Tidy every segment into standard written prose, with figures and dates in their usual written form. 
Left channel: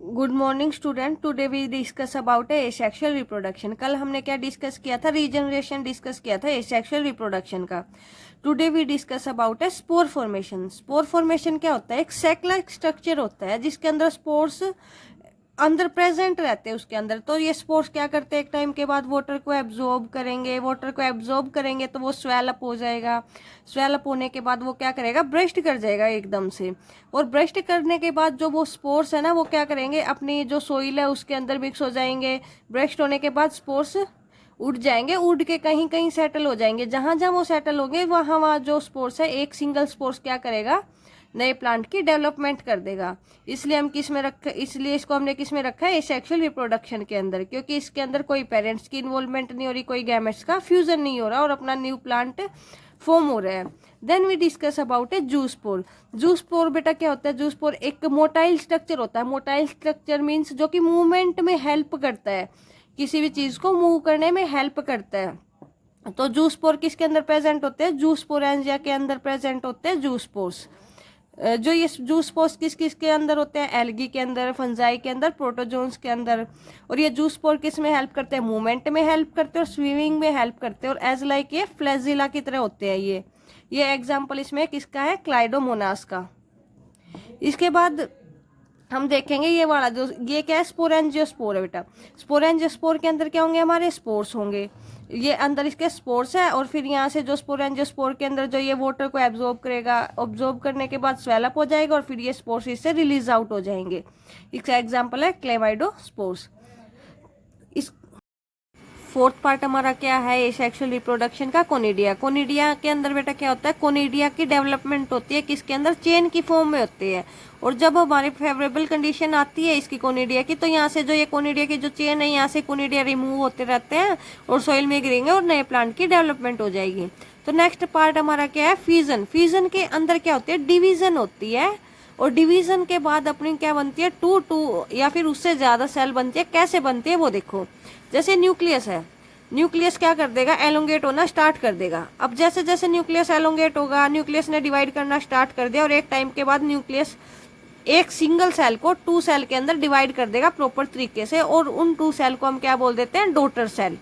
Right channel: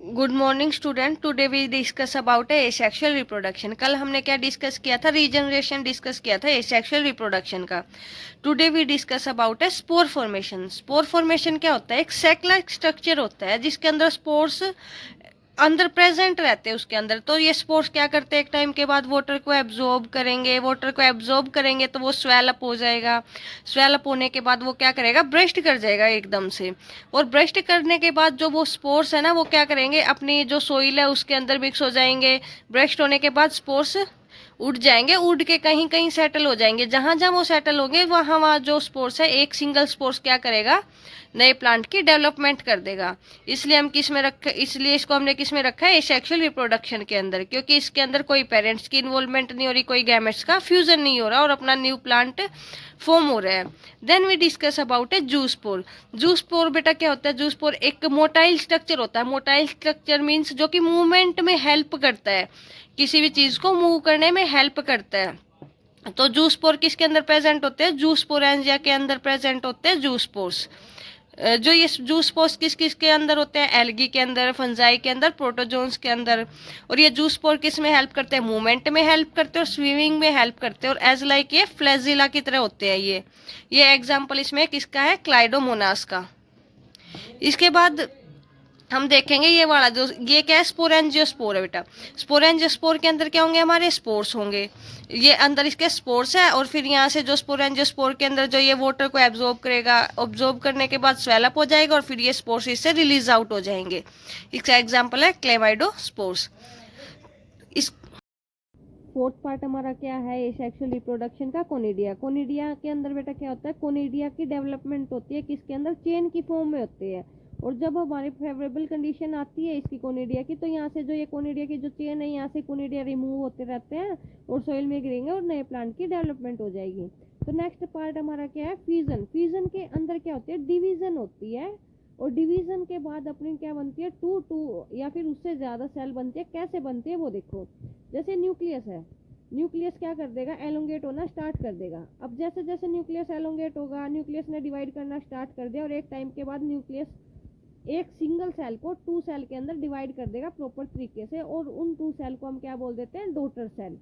Good morning student. Today we discuss about asexual reproduction. कल हमने क्या डिस्कस किया था? रीजनरेशन डिस्कस किया था एसेक्सुअल रिप्रोडक्शन का। Today we discuss about spore formation. Spore formation क्या होता है? एक सेक लाइक स्ट्रक्चर होता है जिसके अंदर स्पोर्स अंदर प्रेजेंट रहते हैं उसके अंदर। तो ये स्पोर्स क्या करते हैं, एक टाइम के बाद वाटर को एब्जॉर्ब करेंगे। वाटर को एब्जॉर्ब करेंगे तो वो स्वेल अप हो जाएगा। स्वेल अप होने के बाद वो क्या करेगा? ब्रेस्ट कर जाएगा एकदम से। और ब्रेस्ट करने के बाद जो वो स्पोर्स है ना, वो क्या करेंगे? अपनी जो सोइल है उसके अंदर मिक्स हो जाएंगे। ब्रेस्ट होने के बाद स्पोर्स उड़ जाएंगे, उड़ के कहीं कहीं सेटल हो जाएंगे। जहां जहां वो सेटल होंगे वहां वहां जो स्पोर्स है, एक सिंगल स्पोर्स क्या करेगा? नए प्लांट की डेवलपमेंट कर देगा। इसलिए हम किस में रखे, इसलिए इसको हमने किस में रखा है? सेक्सुअल रिप्रोडक्शन के अंदर, क्योंकि इसके अंदर कोई पेरेंट्स की इन्वॉल्वमेंट नहीं हो रही, कोई गैमेट्स का फ्यूजन नहीं हो रहा और अपना न्यू प्लांट फॉर्म हो रहा है। Then we discuss about a zoospore. Zoospore बेटा क्या होता है? जूस्पोर एक मोटाइल स्ट्रक्चर होता है। मोटाइल स्ट्रक्चर मीन्स जो कि मूवमेंट में हेल्प करता है, किसी भी चीज को मूव करने में हेल्प करता है। तो जूस्पोर किसके अंदर प्रेजेंट होते हैं? जूस्पोरेंजिया के अंदर प्रेजेंट होते हैं जूस्पोर्स। जो ये जूस पोर्स किस किस के अंदर होते हैं? एल्गी के अंदर, फंजाई के अंदर, प्रोटोजोन्स के अंदर। और ये जूस पोर किस में हेल्प करते हैं? मूवमेंट में हेल्प करते हैं और स्विमिंग में हेल्प करते हैं। और एज लाइक ये फ्लैजिला की तरह होते हैं। ये एग्जाम्पल इसमें किसका है? क्लाइडोमोनास का। इसके बाद हम देखेंगे ये वाला जो, ये क्या है? स्पोरेंजियोस्पोर है बेटा। स्पोरेंजियोस्पोर के अंदर क्या होंगे? हमारे स्पोर्स होंगे। ये अंदर इसके स्पोर्स है और फिर यहाँ से जो स्पोरेंजियोस्पोर के अंदर जो ये वाटर को एब्जॉर्ब करेगा, ऑब्जॉर्ब करने के बाद स्वेलअप हो जाएगा और फिर ये स्पोर्स इससे रिलीज आउट हो जाएंगे। इसका एग्जाम्पल है क्लेमाइडोस्पोर्स। इस फोर्थ पार्ट हमारा क्या है सेक्सुअल रिप्रोडक्शन का? कोनिडिया। कोनिडिया के अंदर बेटा क्या होता है? कोनिडिया की डेवलपमेंट होती है किसके अंदर? चेन की फॉर्म में होती है। और जब हमारी फेवरेबल कंडीशन आती है इसकी कोनिडिया की, तो यहाँ से जो ये कोनिडिया की जो चेन है, यहाँ से कोनिडिया रिमूव होते रहते हैं और सॉइल में गिरेंगे और नए प्लांट की डेवलपमेंट हो जाएगी। तो नेक्स्ट पार्ट हमारा क्या है? फ्यूजन। फ्यूजन के अंदर क्या होती है? डिवीजन होती है। और डिवीजन के बाद अपनी क्या बनती है? टू या फिर उससे ज्यादा सेल बनती है। कैसे बनती है वो देखो। जैसे न्यूक्लियस है, न्यूक्लियस क्या कर देगा? एलोंगेट होना स्टार्ट कर देगा। अब जैसे जैसे न्यूक्लियस एलोंगेट होगा, न्यूक्लियस ने डिवाइड करना स्टार्ट कर दिया और एक टाइम के बाद न्यूक्लियस एक सिंगल सेल को टू सेल के अंदर डिवाइड कर देगा प्रॉपर तरीके से, और उन टू सेल को हम क्या बोल देते हैं? Daughter cell.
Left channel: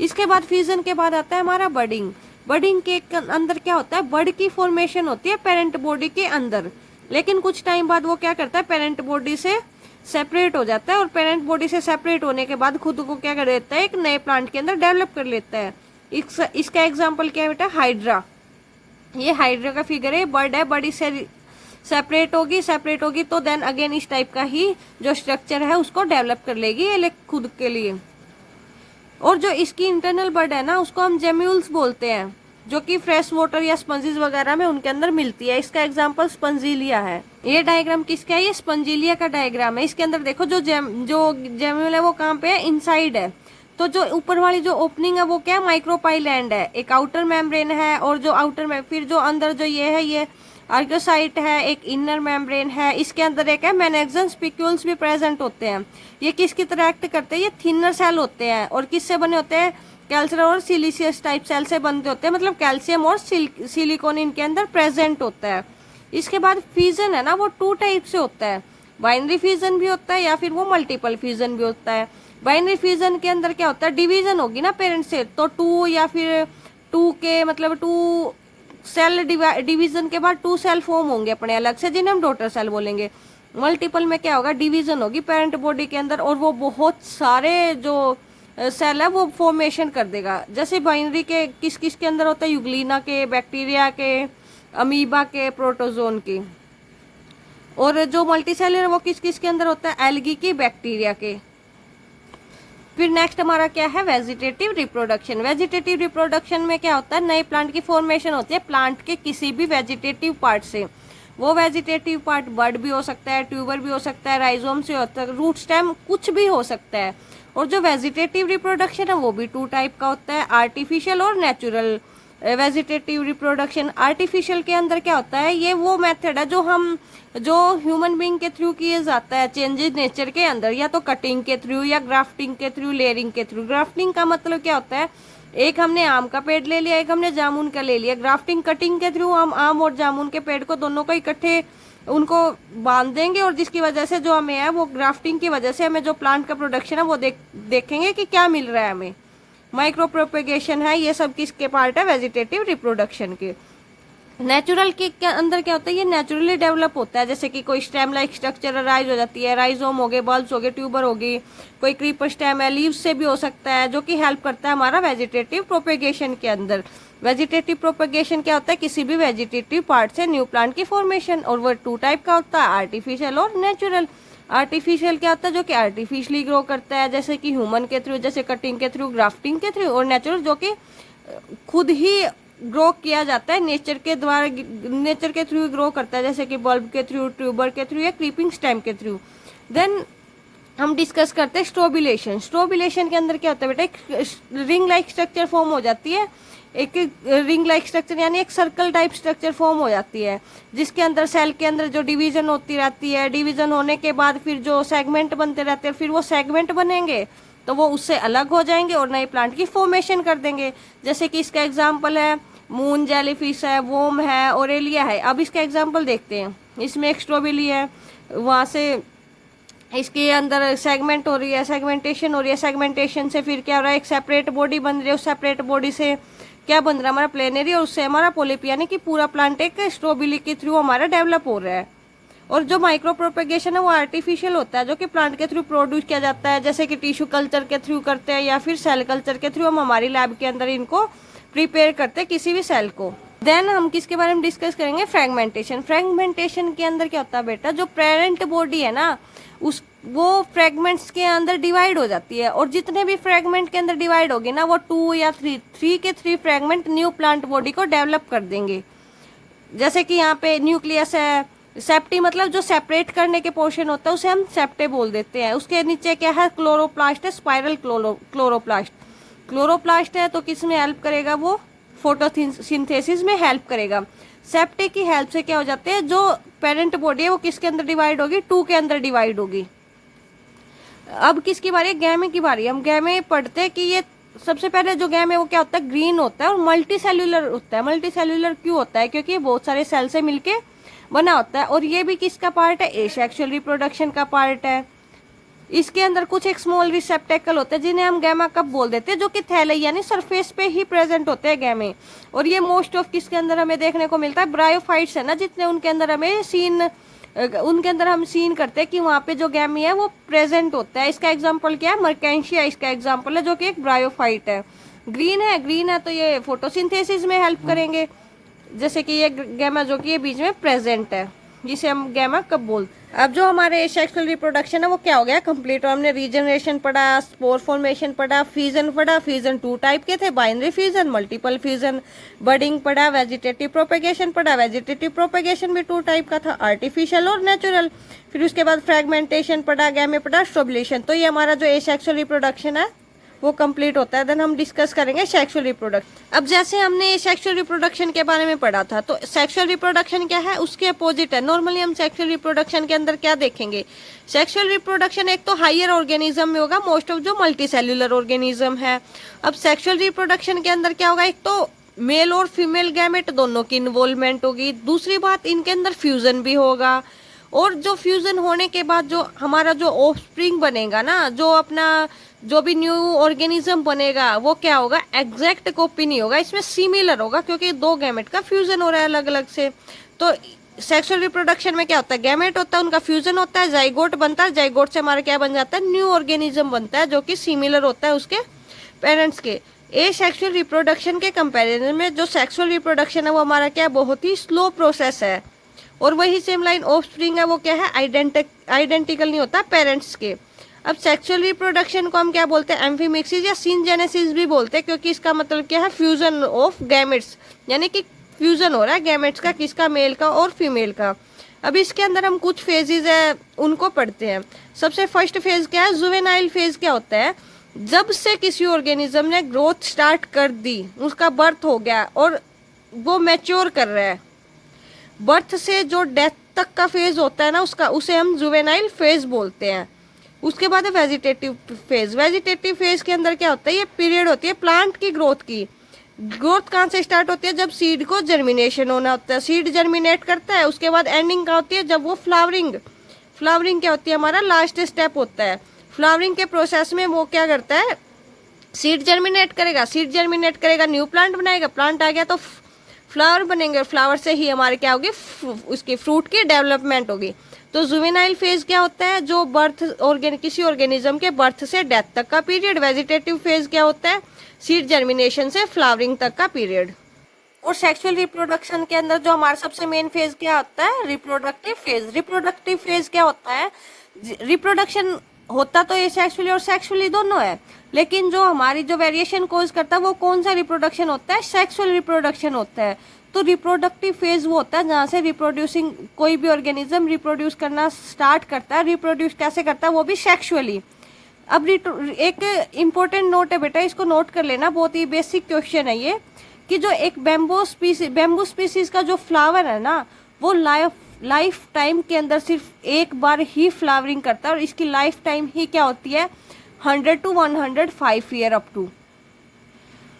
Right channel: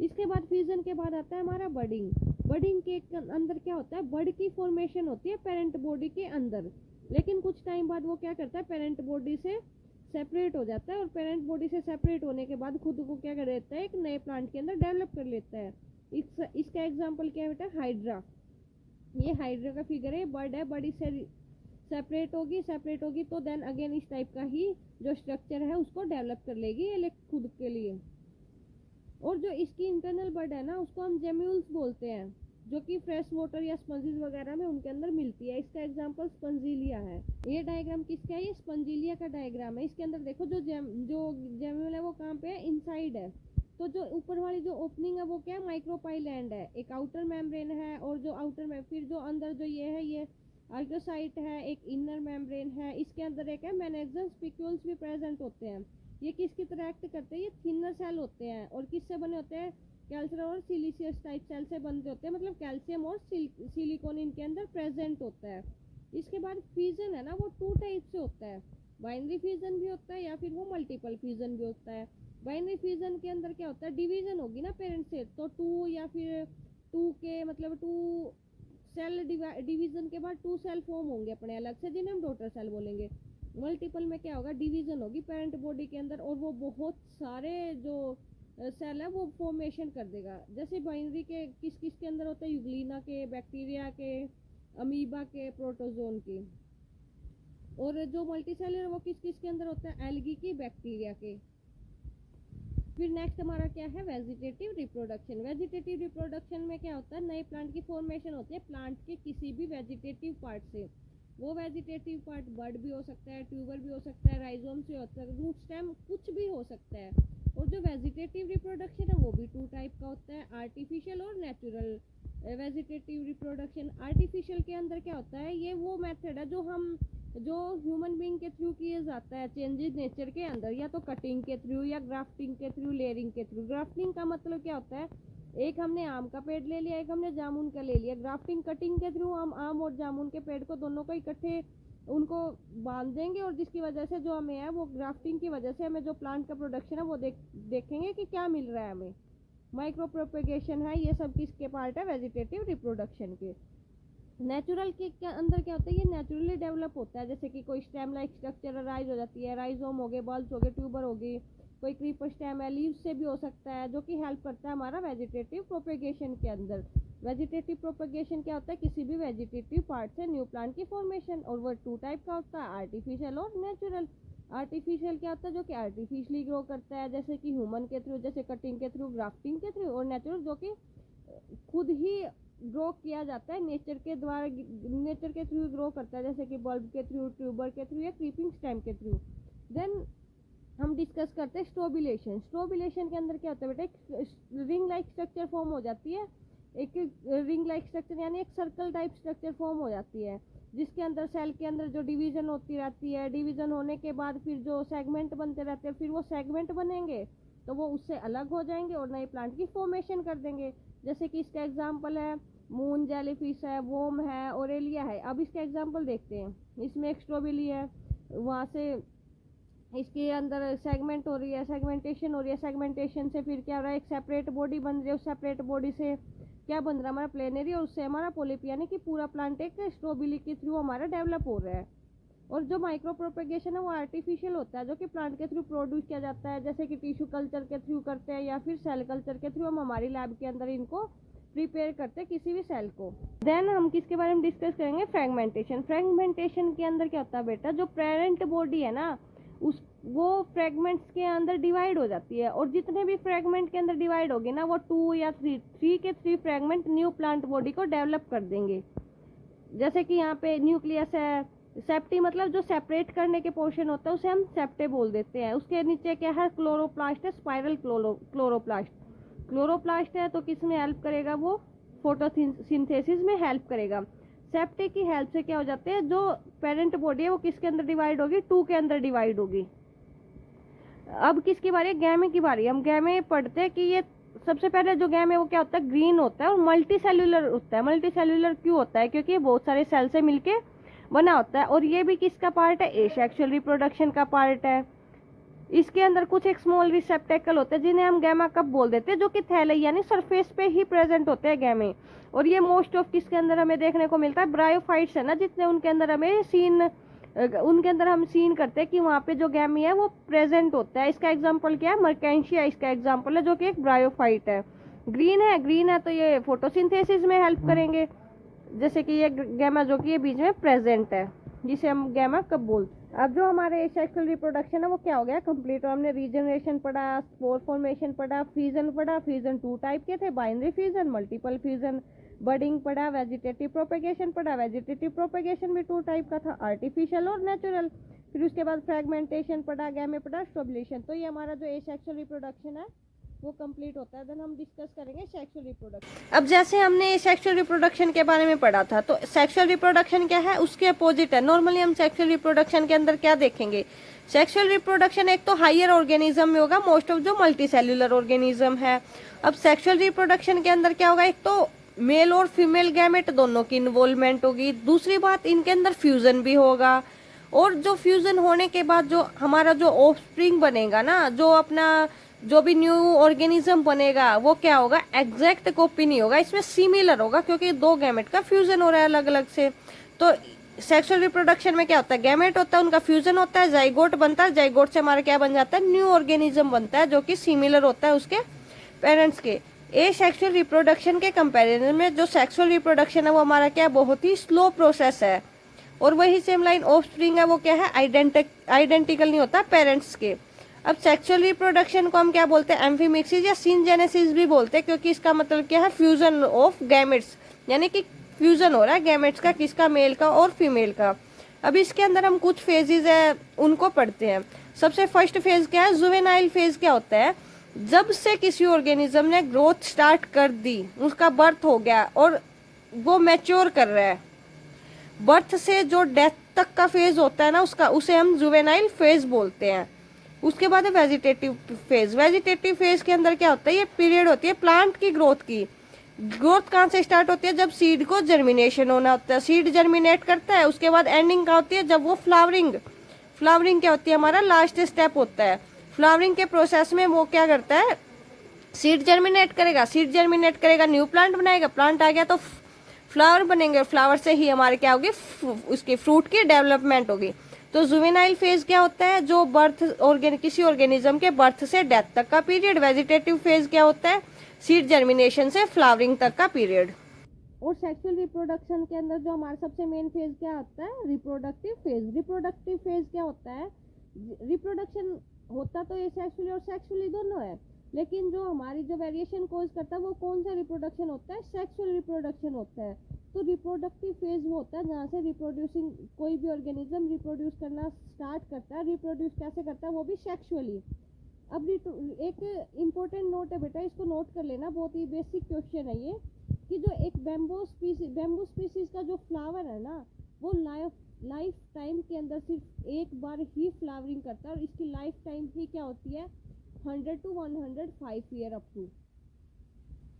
इसके बाद फ्यूजन के बाद आता है हमारा बडिंग। बडिंग के अंदर क्या होता है? बड की फॉर्मेशन होती है पेरेंट बॉडी के अंदर, लेकिन कुछ टाइम बाद वो क्या करता है? पेरेंट बॉडी से सेपरेट हो जाता है और पेरेंट बॉडी से सेपरेट होने के बाद खुद को क्या कर देता है? एक नए प्लांट के अंदर डेवलप कर लेता है। इसका एग्जाम्पल क्या है बेटा? हाइड्रा। ये हाइड्रा का फिगर है। बर्ड है, बड़ी से सेपरेट होगी तो देन अगेन इस टाइप का ही जो स्ट्रक्चर है उसको डेवलप कर लेगी ये खुद के लिए। और जो इसकी इंटरनल बर्ड है ना, उसको हम जेम्यूल्स बोलते हैं, जो कि फ्रेश वाटर या स्पंजीज वगैरह में उनके अंदर मिलती है। इसका एग्जांपल स्पंजीलिया है। ये डायग्राम किसका है? ये स्पंजीलिया का डायग्राम है। इसके अंदर देखो जो जेम्यूल है वो कहाँ पे है? इनसाइड है। तो जो ऊपर वाली जो ओपनिंग है वो क्या है? माइक्रोपाइलैंड है। एक आउटर मेम्ब्रेन है और जो आउटर में फिर जो अंदर जो ये है ये आर्कियोसाइट है, एक इनर मेम्ब्रेन है। इसके अंदर एक है मेनेक्सन स्पिक्यूल्स भी प्रेजेंट होते हैं। ये किसकी तरह एक्ट करते हैं? ये थिनर सेल होते हैं और किससे बने होते हैं? कैल्शियम और सिलिशियस टाइप सेल से बनते होते हैं, मतलब कैल्शियम और सिलिकॉन इनके अंदर प्रेजेंट होता है। इसके बाद फ्यूजन है ना, वो टू टाइप से होता है। बाइनरी फ्यूजन भी होता है या फिर वो मल्टीपल फ्यूजन भी होता है। बाइनरी फ्यूजन के अंदर क्या होता है? डिवीजन होगी ना पेरेंट से, तो टू या फिर टू के मतलब टू सेल डिवीजन के बाद टू सेल फॉर्म होंगे अपने अलग से, जिन्हें हम डॉटर सेल बोलेंगे। मल्टीपल में क्या होगा? डिवीजन होगी पेरेंट बॉडी के अंदर और वो बहुत सारे जो सेल है वो फॉर्मेशन कर देगा। जैसे बाइनरी के किस किस के अंदर होता है? यूग्लिना के, बैक्टीरिया के, अमीबा के, प्रोटोजोन के। और जो मल्टी सेलर है वो किस किस के अंदर होता है? एल्गी की, बैक्टीरिया के। फिर नेक्स्ट हमारा क्या है? Vegetative reproduction. वेजिटेटिव रिप्रोडक्शन में क्या होता है? नए प्लांट की फॉर्मेशन होती है प्लांट के किसी भी वेजिटेटिव पार्ट से। वो वेजिटेटिव पार्ट बड भी हो सकता है, ट्यूबर भी हो सकता है, राइजोम से होता है, रूट स्टेम, कुछ भी हो सकता है। और जो वेजिटेटिव रिप्रोडक्शन है वो भी टू टाइप का होता है, आर्टिफिशियल और नेचुरल। वेजिटेटिव रिप्रोडक्शन आर्टिफिशियल के अंदर क्या होता है? ये वो मेथड है जो ह्यूमन बीइंग के थ्रू किए जाता है चेंजेस नेचर के अंदर, या तो कटिंग के थ्रू या ग्राफ्टिंग के थ्रू, लेयरिंग के थ्रू। ग्राफ्टिंग का मतलब क्या होता है? एक हमने आम का पेड़ ले लिया, एक हमने जामुन का ले लिया। ग्राफ्टिंग कटिंग के थ्रू हम आम और जामुन के पेड़ को दोनों को इकट्ठे उनको बांध देंगे और जिसकी वजह से जो हमें है वो ग्राफ्टिंग की वजह से हमें जो प्लांट का प्रोडक्शन है वो देखेंगे कि क्या मिल रहा है हमें। माइक्रो प्रोपेगेशन है, ये सब किसके पार्ट है, वेजिटेटिव रिप्रोडक्शन के। नेचुरल के अंदर क्या होता है, ये नेचुरली डेवलप होता है, जैसे कि कोई स्टेम लाइक स्ट्रक्चर राइज हो जाती है, राइजोम हो गए, बल्ब्स हो गए, ट्यूबर हो गई, कोई क्रीपर स्टेम है, लीव्स से भी हो सकता है, जो कि हेल्प करता है हमारा वेजिटेटिव प्रोपेगेशन के अंदर। वेजिटेटिव प्रोपेगेशन क्या होता है, किसी भी वेजिटेटिव पार्ट से न्यू प्लांट की फॉर्मेशन, और वो 2 टाइप का होता है, आर्टिफिशियल और नेचुरल। आर्टिफिशियल क्या होता है, जो कि आर्टिफिशियली ग्रो करता है, जैसे कि ह्यूमन के थ्रू, जैसे कटिंग के थ्रू, ग्राफ्टिंग के थ्रू, और नेचुरल जो कि खुद ही ग्रो किया जाता है, नेचर के द्वारा, नेचर के थ्रू ग्रो करता है, जैसे कि बल्ब के थ्रू, ट्यूबर के थ्रू या क्रीपिंग स्टेम के थ्रू। देन हम डिस्कस करते हैं स्ट्रोबिलेशन। स्ट्रोबिलेशन के अंदर क्या होता है बेटा, एक रिंग लाइक स्ट्रक्चर फॉर्म हो जाती है, एक रिंग लाइक स्ट्रक्चर यानी एक सर्कल टाइप स्ट्रक्चर फॉर्म हो जाती है, जिसके अंदर सेल के अंदर जो डिवीजन होती रहती है, डिवीजन होने के बाद फिर जो सेगमेंट बनते रहते हैं, फिर वो सेगमेंट बनेंगे तो वो उससे अलग हो जाएंगे और नए प्लांट की फॉर्मेशन कर देंगे। जैसे कि इसका एग्जाम्पल है मून जेलीफिश है, वोम है, ओरेलिया है। अब इसका एग्जाम्पल देखते हैं। इसमें एक स्ट्रॉबेरी है, वहाँ से इसके अंदर सेगमेंट हो रही है, सेगमेंटेशन हो रही है, सेगमेंटेशन से फिर क्या हो रहा है, एक सेपरेट बॉडी बन रही है, उस सेपरेट बॉडी से क्या बन रहा है हमारा प्लेनरी, और उससे हमारा पोलिप, यानी कि पूरा प्लांट एक स्ट्रॉबेरी के थ्रू हमारा डेवलप हो रहा है। और जो माइक्रो प्रोपेगेशन है वो आर्टिफिशियल होता है, जो कि प्लांट के थ्रू प्रोड्यूस किया जाता है, जैसे कि टिश्यू कल्चर के थ्रू करते हैं या फिर सेल कल्चर के थ्रू हम हमारी लैब के अंदर इनको प्रिपेयर करते हैं किसी भी सेल को। देन हम किसके बारे में डिस्कस करेंगे, फ्रेगमेंटेशन। फ्रेगमेंटेशन के अंदर क्या होता है बेटा, जो पेरेंट बॉडी है ना उस वो फ्रेगमेंट्स के अंदर डिवाइड हो जाती है, और जितने भी फ्रेगमेंट के अंदर डिवाइड होगी ना वो 2 या 3 फ्रेगमेंट न्यू प्लांट बॉडी को डेवलप कर देंगे। जैसे कि यहाँ पे न्यूक्लियस है, सेप्टी मतलब जो सेपरेट करने के पोर्शन होता है उसे हम सेप्टे बोल देते हैं। उसके नीचे क्या है, क्लोरोप्लास्ट है, स्पाइरल क्लोरोप्लास्ट। क्लोरोप्लास्ट है तो किस में हेल्प करेगा, वो फोटोसिंथेसिस में हेल्प करेगा। सेप्टे की हेल्प से क्या हो जाते हैं, जो पेरेंट बॉडी है वो किसके अंदर डिवाइड होगी, 2 के अंदर डिवाइड होगी। अब किसकी बारी है, गैमे की बारी। हम गैमे पढ़ते हैं कि ये सबसे पहले जो गैम है वो क्या होता है, ग्रीन होता है और मल्टी सेल्यूलर होता है। मल्टी सेल्यूलर क्यों होता है, क्योंकि ये बहुत सारे सेल से मिलके बना होता है, और ये भी किसका पार्ट है, एसेक्सुअल रिप्रोडक्शन का पार्ट है। इसके अंदर कुछ एक स्मॉल रिसेप्टेकल होते हैं जिन्हें हम गैमा कप बोल देते हैं, जो कि थैले यानी सरफेस पे ही प्रेजेंट होते हैं गैमे। और ये मोस्ट ऑफ किसके अंदर हमें देखने को मिलता है, ब्रायोफाइट्स है ना, जितने उनके अंदर हम सीन करते हैं कि वहाँ पे जो गैमी है वो प्रेजेंट होता है। इसका एग्जाम्पल क्या है, मर्केंशिया इसका एग्जाम्पल है, जो कि एक ब्रायोफाइट है। ग्रीन है तो ये फोटोसिंथेसिस में हेल्प करेंगे, जैसे कि ये गैमा जो कि ये बीच में प्रेजेंट है, जिसे हम गैमा कब बोलते हैं। अब जो हमारे सेक्सुअल रिप्रोडक्शन है वो क्या हो गया, कंप्लीट। और हमने रीजनरेशन पढ़ा, स्पोर फॉर्मेशन पढ़ा, फ्यूजन पढ़ा। फ्यूजन 2 टाइप के थे, binary fusion, multiple fusion. Budding पढ़ा, वेजिटेटिव प्रोपेगेशन पढ़ा। वेजिटेटिव प्रोपेगेशन भी 2 टाइप का था, आर्टिफिशियल और नेचुरल। फिर उसके बाद फ्रेगमेंटेशन पढ़ा, गैमे पढ़ा, स्ट्रोबुलेशन। तो ये हमारा जो एसेक्सुअल रिप्रोडक्शन है वो कंप्लीट होता है। देन हम डिस्कस करेंगे सेक्सुअल रिप्रोडक्शन। अब जैसे हमने सेक्सुअल रिप्रोडक्शन के बारे में पढ़ा था, तो सेक्सुअल रिप्रोडक्शन क्या है, उसके अपोजिट है। नॉर्मली हम सेक्सुअल रिप्रोडक्शन के अंदर क्या देखेंगे, सेक्सुअल रिप्रोडक्शन एक तो हायर ऑर्गेनिज्म में होगा, मोस्ट ऑफ जो मल्टी सेल्यूलर ऑर्गेनिज्म है। अब सेक्सुअल रिप्रोडक्शन के अंदर क्या होगा, एक तो मेल और फीमेल गैमेट दोनों की इन्वॉल्वमेंट होगी। दूसरी बात, इनके अंदर फ्यूजन भी होगा, और जो फ्यूजन होने के बाद जो हमारा जो ऑफस्प्रिंग बनेगा ना, जो भी न्यू ऑर्गेनिज्म बनेगा वो क्या होगा, एग्जैक्ट कॉपी नहीं होगा, इसमें सिमिलर होगा, क्योंकि 2 गैमेट का फ्यूजन हो रहा है अलग अलग से। तो सेक्सुअल रिप्रोडक्शन में क्या होता है, गैमेट होता है, उनका फ्यूजन होता है, जाइगोट बनता है, जाइगोट से हमारा क्या बन जाता है, न्यू ऑर्गेनिज्म बनता है, जो कि सिमिलर होता है उसके पेरेंट्स के। एसेक्सुअल रिप्रोडक्शन के कंपैरिजन में जो सेक्सुअल रिप्रोडक्शन है वो हमारा क्या, बहुत ही स्लो प्रोसेस है। और वही सेम लाइन ऑफस्प्रिंग है वो क्या है, आइडेंटिकल नहीं होता पेरेंट्स के। अब सेक्सुअल रिप्रोडक्शन को हम क्या बोलते हैं, एम्फीमिक्सिस या सिनजेनेसिस भी बोलते हैं, क्योंकि इसका मतलब क्या है, फ्यूजन ऑफ गैमेट्स, यानी कि फ्यूजन हो रहा है गैमेट्स का, किसका, मेल का और फीमेल का। अब इसके अंदर हम कुछ फेजेस है उनको पढ़ते हैं। सबसे फर्स्ट फेज क्या है, जुवेनाइल फेज क्या होता है, जब से किसी ऑर्गेनिज्म ने ग्रोथ स्टार्ट कर दी, उसका बर्थ हो गया और वो मैच्योर कर रहा है, बर्थ से जो डेथ तक का फेज होता है ना उसे हम जुवेनाइल फेज बोलते हैं। उसके बाद है वेजिटेटिव फेज। वेजिटेटिव फेज के अंदर क्या होता है, ये पीरियड होती है प्लांट की ग्रोथ की, ग्रोथ कहाँ से स्टार्ट होती है? जब सीड को जर्मिनेशन होना होता है, सीड जर्मिनेट करता है, उसके बाद एंडिंग कहाँ होती है? जब वो फ्लावरिंग, फ्लावरिंग क्या होती है? हमारा लास्ट स्टेप होता है। फ्लावरिंग के प्रोसेस में वो क्या करता है? सीड जर्मिनेट करेगा, सीड जर्मिनेट करेगा, न्यू प्लांट बनाएगा, प्लांट आ गया तो फ्लावर बनेंगे, और फ्लावर से ही हमारे क्या होगी? उसकी फ्रूट की डेवलपमेंट होगी। तो जुवेनाइल फेज क्या होता है? जो बर्थ किसी ऑर्गेनिज्म के बर्थ से डेथ तक का पीरियड। वेजिटेटिव फेज क्या होता है? सीड जर्मिनेशन से फ्लावरिंग तक का पीरियड। और सेक्सुअल रिप्रोडक्शन के अंदर जो हमारा सबसे मेन फेज क्या होता है? Reproductive phase. रिप्रोडक्टिव फेज क्या होता है? रिप्रोडक्शन होता तो ये सेक्सुअली और सेक्सुअली दोनों है, लेकिन जो हमारी जो वेरिएशन कोज करता है वो कौन सा रिप्रोडक्शन होता है? सेक्सुअल रिप्रोडक्शन होता है। तो रिप्रोडक्टिव फेज वो होता है जहाँ से रिप्रोड्यूसिंग कोई भी ऑर्गेनिज्म रिप्रोड्यूस करना स्टार्ट करता है। रिप्रोड्यूस कैसे करता है? वो भी सेक्सुअली। अब एक इम्पोर्टेंट नोट है बेटा, इसको नोट कर लेना, बहुत ही बेसिक क्वेश्चन है ये, कि जो एक बैम्बू स्पीसीज का जो फ्लावर है ना, वो लाइफ टाइम के अंदर सिर्फ एक बार ही फ्लावरिंग करता है, और इसकी लाइफ टाइम ही क्या होती है? 100 to 105 ईयर अप टू।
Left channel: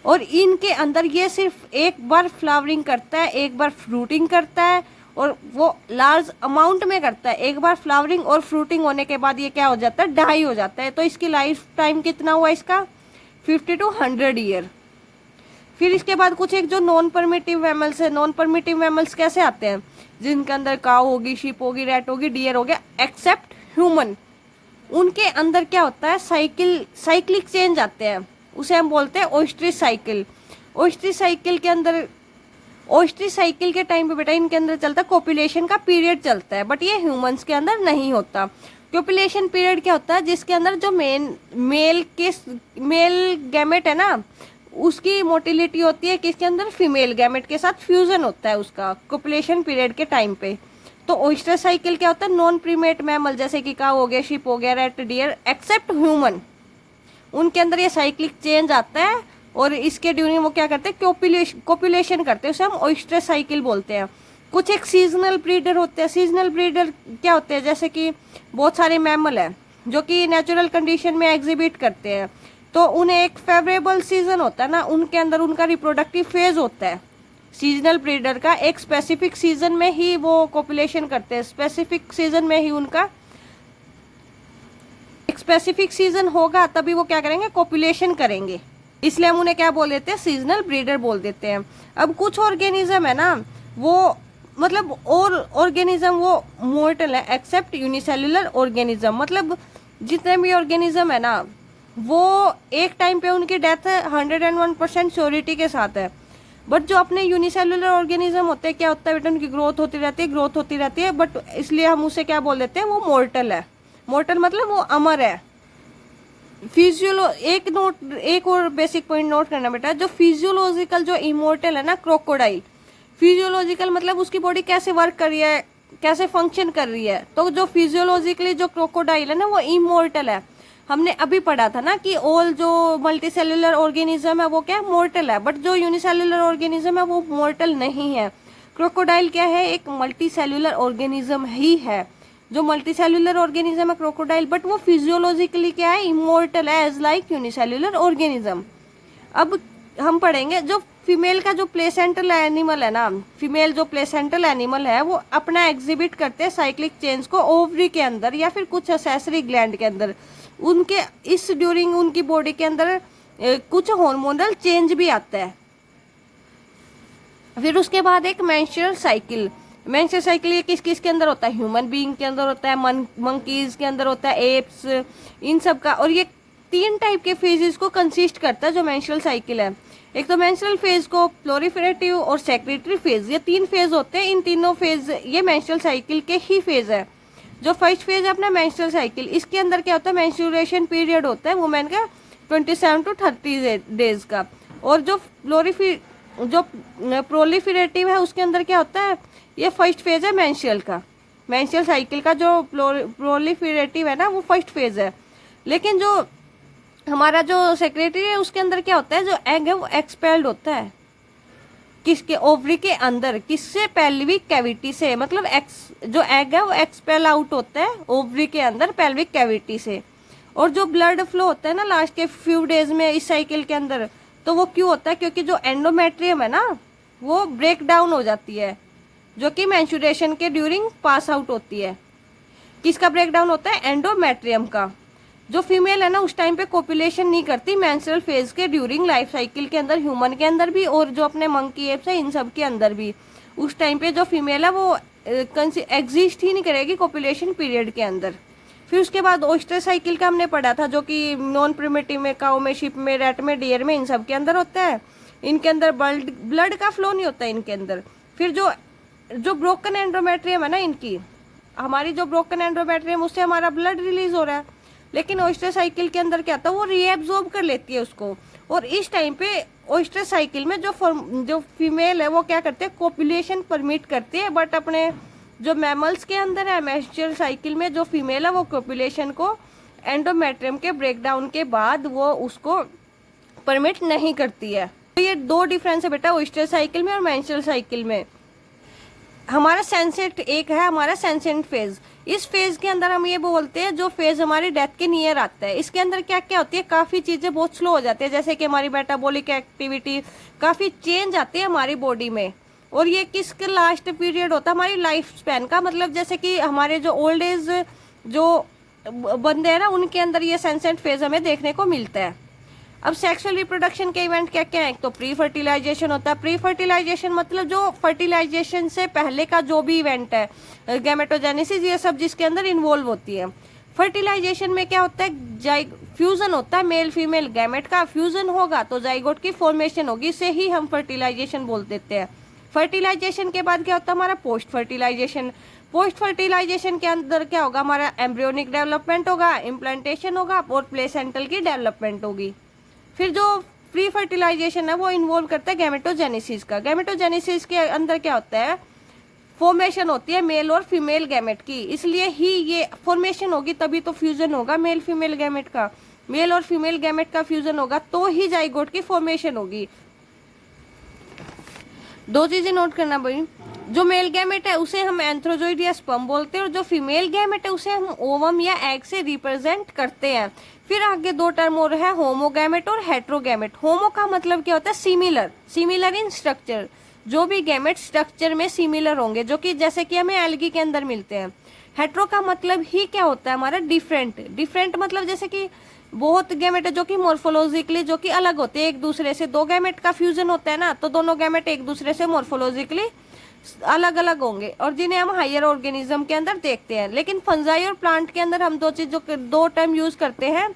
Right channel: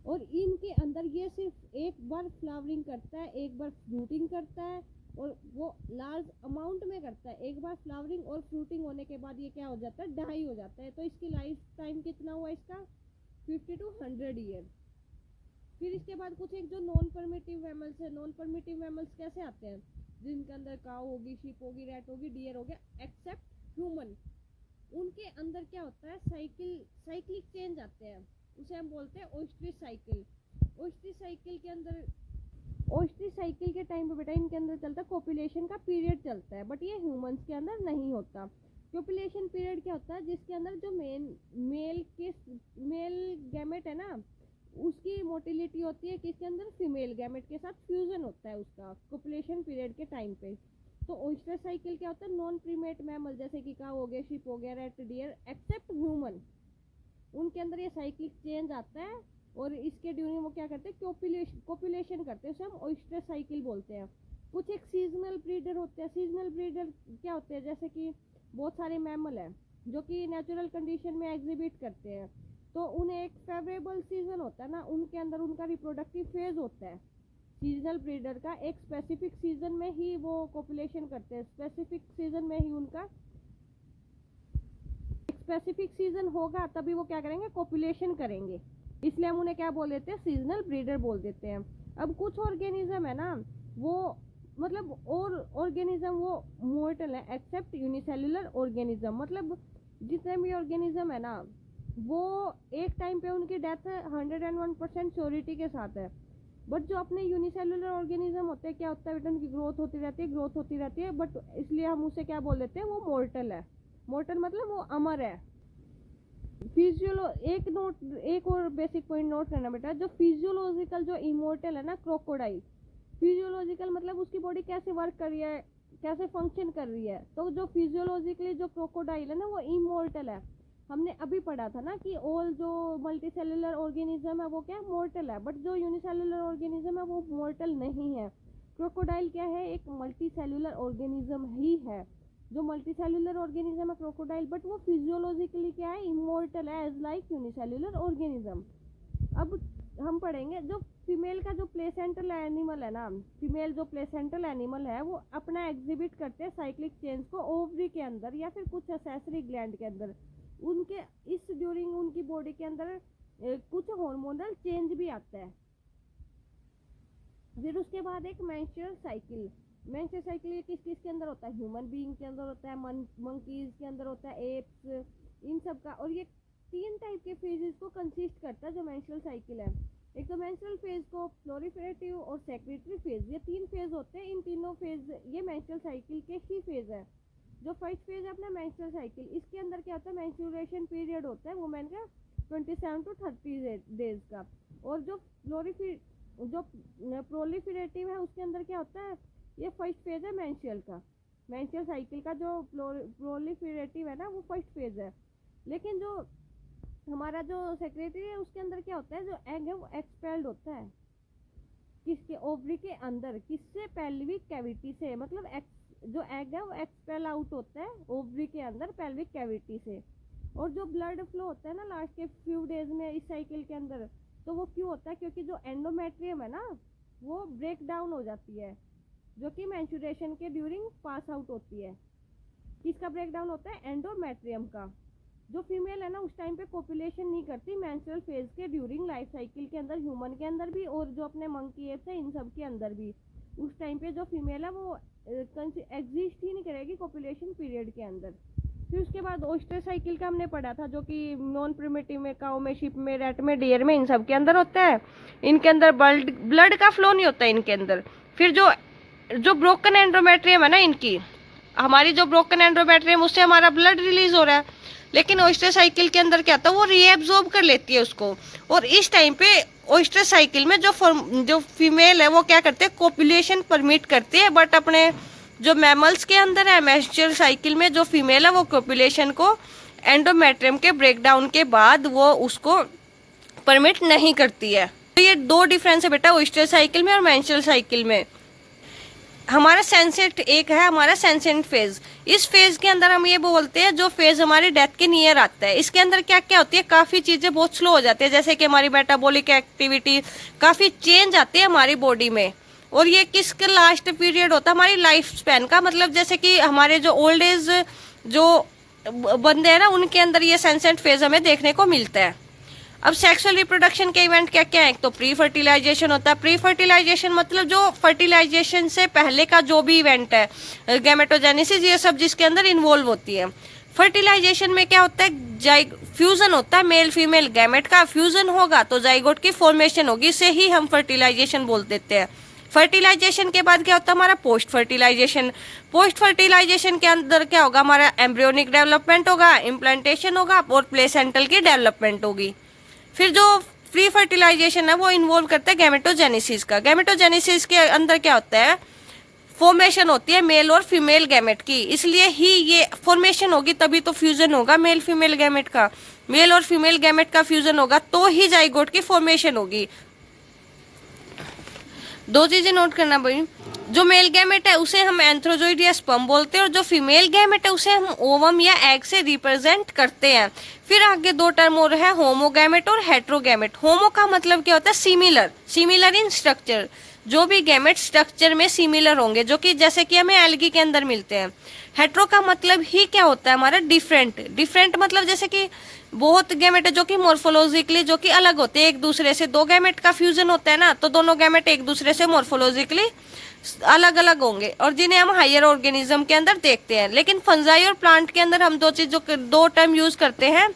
और इनके अंदर ये सिर्फ एक बार फ्लावरिंग करता है, एक बार फ्रूटिंग करता है, और वो लार्ज अमाउंट में करता है। एक बार फ्लावरिंग और फ्रूटिंग होने के बाद ये क्या हो जाता है? डाई हो जाता है। तो इसकी लाइफ टाइम कितना हुआ इसका? 50 to 100 ईयर। फिर इसके बाद कुछ एक जो नॉन परमिटिव मैमल्स है। नॉन परमिटिव मैमल्स कैसे आते हैं? जिनके अंदर काऊ होगी, शीप होगी, रैट होगी, डियर हो गया, एक्सेप्ट ह्यूमन। उनके अंदर क्या होता है? साइक्लिक चेंज आते हैं, उसे हम बोलते हैं ओस्ट्री साइकिल। ओस्ट्री साइकिल के अंदर, ओस्ट्री साइकिल के टाइम पे बेटा इनके अंदर चलता है कोपुलेशन का पीरियड चलता है, बट ये ह्यूमंस के अंदर नहीं होता। कोपुलेशन पीरियड क्या होता है? जिसके अंदर जो मेल गैमेट है ना, उसकी मोटिलिटी होती है किसके अंदर? फीमेल गैमेट के साथ फ्यूजन होता है उसका कोपुलेशन पीरियड के टाइम पे। तो ओस्ट्री साइकिल क्या होता है? नॉन प्रीमेट मैमल जैसे कि काऊ हो गया, शिप हो गया, रैट, डियर, एक्सेप्ट ह्यूमन, उनके अंदर ये साइक्लिक चेंज आता है, और इसके ड्यूरिंग वो क्या करते हैं? कोपुलेशन करते हैं, उसे हम ओस्ट्री साइकिल बोलते हैं। कुछ एक सीजनल ब्रीडर होते हैं। सीजनल ब्रीडर क्या होते हैं? जैसे कि बहुत सारे मैमल हैं जो कि नेचुरल कंडीशन में एग्जिबिट करते हैं, तो उन्हें एक फेवरेबल सीजन होता है ना, उनके अंदर उनका रिप्रोडक्टिव फेज होता है। सीजनल ब्रीडर का एक स्पेसिफिक सीजन में ही वो कोपुलेशन करते हैं, स्पेसिफिक सीजन में ही उनका एक स्पेसिफिक सीजन होगा, तभी वो क्या करेंगे? कोपुलेशन करेंगे। इसलिए हम उन्हें क्या बोल देते हैं? सीजनल ब्रीडर बोल देते हैं। अब कुछ ऑर्गेनिज्म है ना, वो मतलब और ऑर्गेनिज्म वो मोर्टल है एक्सेप्ट यूनिसेल्युलर ऑर्गेनिज्म। मतलब जितने भी ऑर्गेनिज्म है ना, वो एक टाइम पे उनकी डेथ 101% श्योरिटी के साथ है, बट जो अपने यूनिसेल्युलर ऑर्गेनिज्म होते हैं क्या होता है बेटा? उनकी ग्रोथ होती रहती है, ग्रोथ होती रहती है, बट इसलिए हम उसे क्या बोल देते हैं? वो मोर्टल है। मोर्टल मतलब वो अमर है। एक और बेसिक पॉइंट नोट करना बेटा, जो फिजियोलॉजिकल जो इमोर्टल है ना, क्रोकोडाइल, फिजियोलॉजिकल मतलब उसकी बॉडी कैसे वर्क कर रही है, कैसे फंक्शन कर रही है। तो जो फिजियोलॉजिकली जो क्रोकोडाइल है ना, वो इमोर्टल है। हमने अभी पढ़ा था ना कि ऑल जो मल्टी सेलुलर ऑर्गेनिज्म है वो क्या है? मोर्टल है, बट जो यूनिसेल्युलर ऑर्गेनिज्म है वो मोर्टल नहीं है। क्रोकोडाइल क्या है? एक मल्टी सेलुलर ऑर्गेनिज्म ही है। जो मल्टी सेलुलर ऑर्गेनिज्म है क्रोकोडाइल, बट वो फिजियोलॉजिकली क्या है? इमोर्टल है, एज लाइक यूनिसेल्युलर ऑर्गेनिज्म। अब हम पढ़ेंगे जो फीमेल का जो प्लेसेंटल एनिमल है ना, फीमेल जो प्लेसेंटल एनिमल है वो अपना एग्जिबिट करते हैं साइक्लिक चेंज को ओवरी के अंदर या फिर कुछ एक्सेसरी ग्लैंड के अंदर। उनके इस ड्यूरिंग उनकी बॉडी के अंदर कुछ हार्मोनल चेंज भी आता है। फिर उसके बाद एक मेंस्ट्रुअल साइकिल। मेंस्ट्रुअल साइकिल ये किस किस के अंदर होता है? ह्यूमन बीइंग के अंदर होता है, मंकीज के अंदर होता है, एप्स, इन सब का। और ये 3 टाइप के फेजेस को कंसिस्ट करता है जो मेंस्ट्रुअल साइकिल है। एक तो मेंस्ट्रुअल फेज को, प्लोरिफरेटिव और सेक्रेटरी फेज, ये 3 फेज होते हैं। इन तीनों फेज ये मेंस्ट्रुअल साइकिल के ही फेज है। जो फर्स्ट फेज है अपना मेंस्ट्रुअल साइकिल, इसके अंदर क्या होता है? मेंस्ट्रुएशन पीरियड होता है वुमेन का 27 to 30 डेज का। और जो प्रोलिफरेटिव है उसके अंदर क्या होता है? ये फर्स्ट फेज है मेंस्ट्रुअल का। मेंस्ट्रुअल साइकिल का जो प्रोलिफरेटिव है ना, वो फर्स्ट फेज है। लेकिन जो हमारा जो सेक्रेटरी है उसके अंदर क्या होता है? जो एग है वो एक्सपेल्ड होता है किसके? ओवरी के अंदर। किससे? पेल्विक कैविटी से। मतलब जो एग है वो एक्सपेल आउट होता है ओवरी के अंदर पेल्विक कैविटी से। और जो ब्लड फ्लो होता है ना लास्ट के फ्यू डेज में इस साइकिल के अंदर, तो वो क्यों होता है? क्योंकि जो एंडोमेट्रियम है ना वो ब्रेक डाउन हो जाती है, जो कि मेंस्ट्रुएशन के ड्यूरिंग पास आउट होती है। किसका ब्रेक डाउन होता है? एंडोमेट्रियम का। जो फीमेल है ना उस टाइम पे कोपुलेशन नहीं करती मेंस्ट्रुअल फेज के ड्यूरिंग लाइफ साइकिल के अंदर, ह्यूमन के अंदर भी और जो अपने मंकी एप्स है इन सब के अंदर भी। उस टाइम पे जो फीमेल है वो एग्जिस्ट ही नहीं करेगी कोपुलेशन पीरियड के अंदर। फिर उसके बाद ओस्टर साइकिल का हमने पढ़ा था, जो कि नॉन प्रिमिटिव में, काऊ में, शिप में, रैट में, डियर में, इन सब के अंदर होता है। इनके अंदर ब्लड का फ्लो नहीं होता है इनके अंदर। फिर जो ब्रोकन एंडोमेट्रियम है ना इनकी, हमारी जो ब्रोकन एंडोमेट्रियम उससे हमारा ब्लड रिलीज हो रहा है, लेकिन ओस्टर साइकिल के अंदर क्या होता है? वो रीएब्जॉर्ब कर लेती है उसको। और इस टाइम पे ओस्टर साइकिल में जो फीमेल है वो क्या करते हैं? कोपुलेशन परमिट करती है, बट अपने जो मैमल्स के अंदर है मेंस्ट्रुअल साइकिल में जो फीमेल है वो कोपुलेशन को एंडोमेट्रियम के ब्रेकडाउन के बाद वो उसको परमिट नहीं करती है। तो ये दो डिफरेंस है बेटा ओस्टर साइकिल में और मेंस्ट्रुअल साइकिल में। हमारा सेंसेंट एक है हमारा सेंसेंट फेज। इस फेज के अंदर हम ये बोलते हैं जो फेज हमारी डेथ के नियर आता है। इसके अंदर क्या क्या होती है? काफ़ी चीज़ें बहुत स्लो हो जाती है, जैसे कि हमारी मेटाबॉलिक एक्टिविटी, काफ़ी चेंज आती है हमारी बॉडी में। और ये किसका लास्ट पीरियड होता है? हमारी लाइफ स्पैन का। मतलब जैसे कि हमारे जो ओल्ड एज जो बंदे हैं ना उनके अंदर ये सेंसेंट फेज हमें देखने को मिलता है। अब सेक्सुअल रिप्रोडक्शन के इवेंट क्या क्या है? तो प्री फर्टिलाइजेशन होता है। प्री फर्टिलाइजेशन मतलब जो फर्टिलाइजेशन से पहले का जो भी इवेंट है, गैमेटोजेनेसिस, ये सब जिसके अंदर इन्वॉल्व होती है। फर्टिलाइजेशन में क्या होता है? फ्यूजन होता है, मेल फीमेल गैमेट का फ्यूजन होगा तो जाइगोट की फॉर्मेशन होगी, इसे ही हम फर्टिलाइजेशन बोल देते हैं। फर्टिलाइजेशन के बाद क्या होता है? हमारा पोस्ट फर्टिलाइजेशन। पोस्ट फर्टिलाइजेशन के अंदर क्या होगा? हमारा एम्ब्रियोनिक डेवलपमेंट होगा, इम्प्लांटेशन होगा और प्लेसेंटल की डेवलपमेंट होगी। फिर जो प्री फर्टिलाइजेशन है वो इन्वॉल्व करता है गैमेटोजेनेसिस का। गैमेटोजेनेसिस के अंदर क्या होता है? फॉर्मेशन होती है मेल और फीमेल गैमेट की, इसलिए ही ये फॉर्मेशन होगी, तभी तो फ्यूजन होगा मेल फीमेल गैमेट का। मेल और फीमेल गैमेट का फ्यूजन होगा तो ही जाइगोट की फॉर्मेशन होगी। दो चीजें नोट करना भाई, जो मेल गैमेट है उसे हम एंथ्रोजोइड या स्पर्म बोलते हैं, और जो फीमेल गैमेट है उसे हम ओवम या एग से रिप्रेजेंट करते हैं। फिर आगे दो टर्म और है, होमोगैमेट और हेट्रोगैमेट। होमो का मतलब क्या होता है? Similar, similar in structure. जो भी गैमेट स्ट्रक्चर में सिमिलर होंगे, जो कि जैसे कि हमें एल्गी के अंदर मिलते हैं। हेट्रो का मतलब ही क्या होता है हमारा? डिफरेंट। डिफरेंट मतलब जैसे कि बहुत गैमेट है जो कि मॉर्फोलॉजिकली जो कि अलग होते हैं एक दूसरे से। दो गैमेट का फ्यूजन होता है ना, तो दोनों गैमेट एक दूसरे से मॉर्फोलॉजिकली अलग अलग होंगे, और जिन्हें हम हायर ऑर्गेनिज्म के अंदर देखते हैं। लेकिन फंजाई और प्लांट के अंदर हम दो टर्म यूज करते हैं,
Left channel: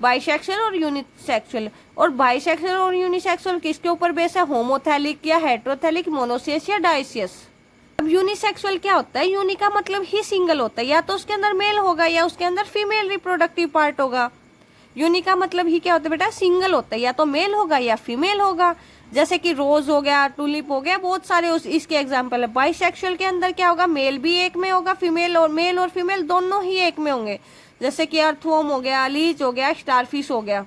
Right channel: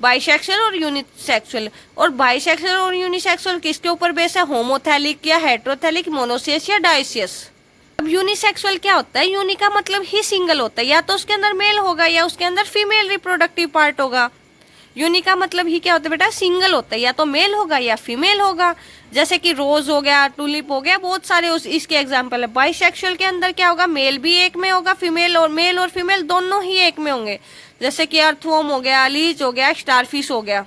बाइसेक्सुअल और यूनिसेक्सुअल। और बाइसेक्सुअल और यूनिसेक्सुअल किसके ऊपर बेस है? होमोथैलिक या हेट्रोथैलिक, मोनोसियस या डाइसियस। अब यूनिसेक्सुअल क्या होता है? यूनि का मतलब ही सिंगल होता है, या तो उसके अंदर मेल होगा या उसके अंदर फीमेल रिप्रोडक्टिव पार्ट होगा। यूनि का मतलब ही क्या होता है बेटा? सिंगल होता है, या तो मेल होगा या फीमेल होगा। जैसे कि रोज हो गया, टूलिप हो गया, बहुत सारे इसके एग्जाम्पल है। बाइसेक्सुअल के अंदर क्या होगा? मेल भी एक में होगा, फीमेल और फीमेल दोनों ही एक में होंगे। जैसे कि अर्थवर्म हो गया, लीच हो गया, स्टारफिश हो गया।